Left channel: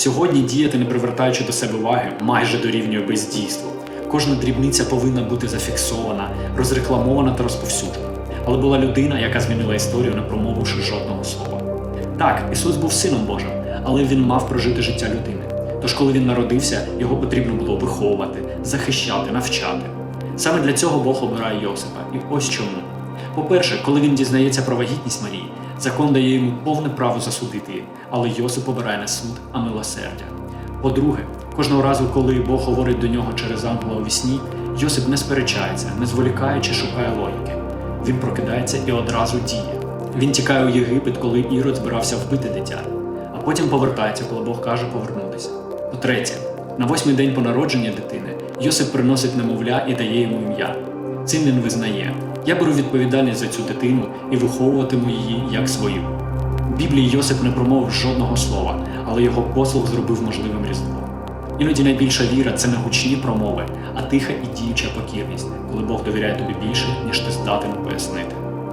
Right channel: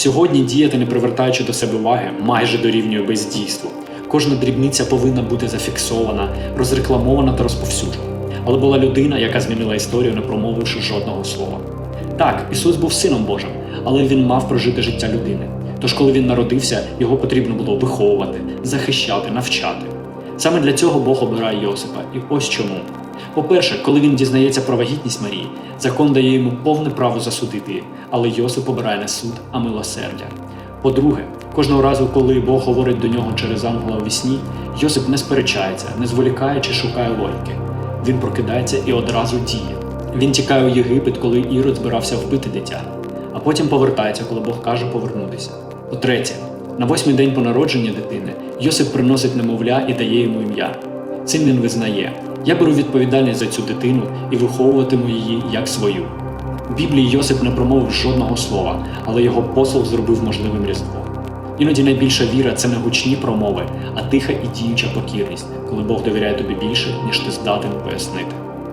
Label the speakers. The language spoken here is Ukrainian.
Speaker 1: Сьогодні діяти, не привертаючи до себе уваги, майже дорівнює бездійству. Кожна дрібниця повинна бути зафіксована, розрекламована та розповсюджена. Але була людина, яка змінила історію, не промовивши жодного слова. Так, Ісус був сином Божим, але він мав прожити життя людини. Тож, коли він народився, його потрібно було виховувати, захищати, навчати. Саме для цього Бог обирає Йосипа. І ось чому. По-перше, коли він дізнається про вагітність Марії, закон дає йому повне право засудити, але Йосип обирає не суд, а милосердя. По-друге, кожного разу, коли Бог говорить до нього через ангела у вісні, Йосип не сперечається, не зволікає чи шукає логіки. Він прокидається і одразу діє. Він тікає у Єгипет, коли Ірод збирався вбити дитя, а потім повертається, коли Бог каже повернутися. По-третє, на восьмий день по народження дитини Йосип приносить немовля і дає йому ім'я. Цим він визнає: я беру відповідальність за цю дитину і виховуватиму її як свою. У Біблії Йосип не промовив жодного слова, але його послуг зробив можливим різдвом. Іноді найбільша віра це не гучні промови, а тиха і діюча покірність, коли Бог довіряє тобі більше, ніж ти здатен пояснити.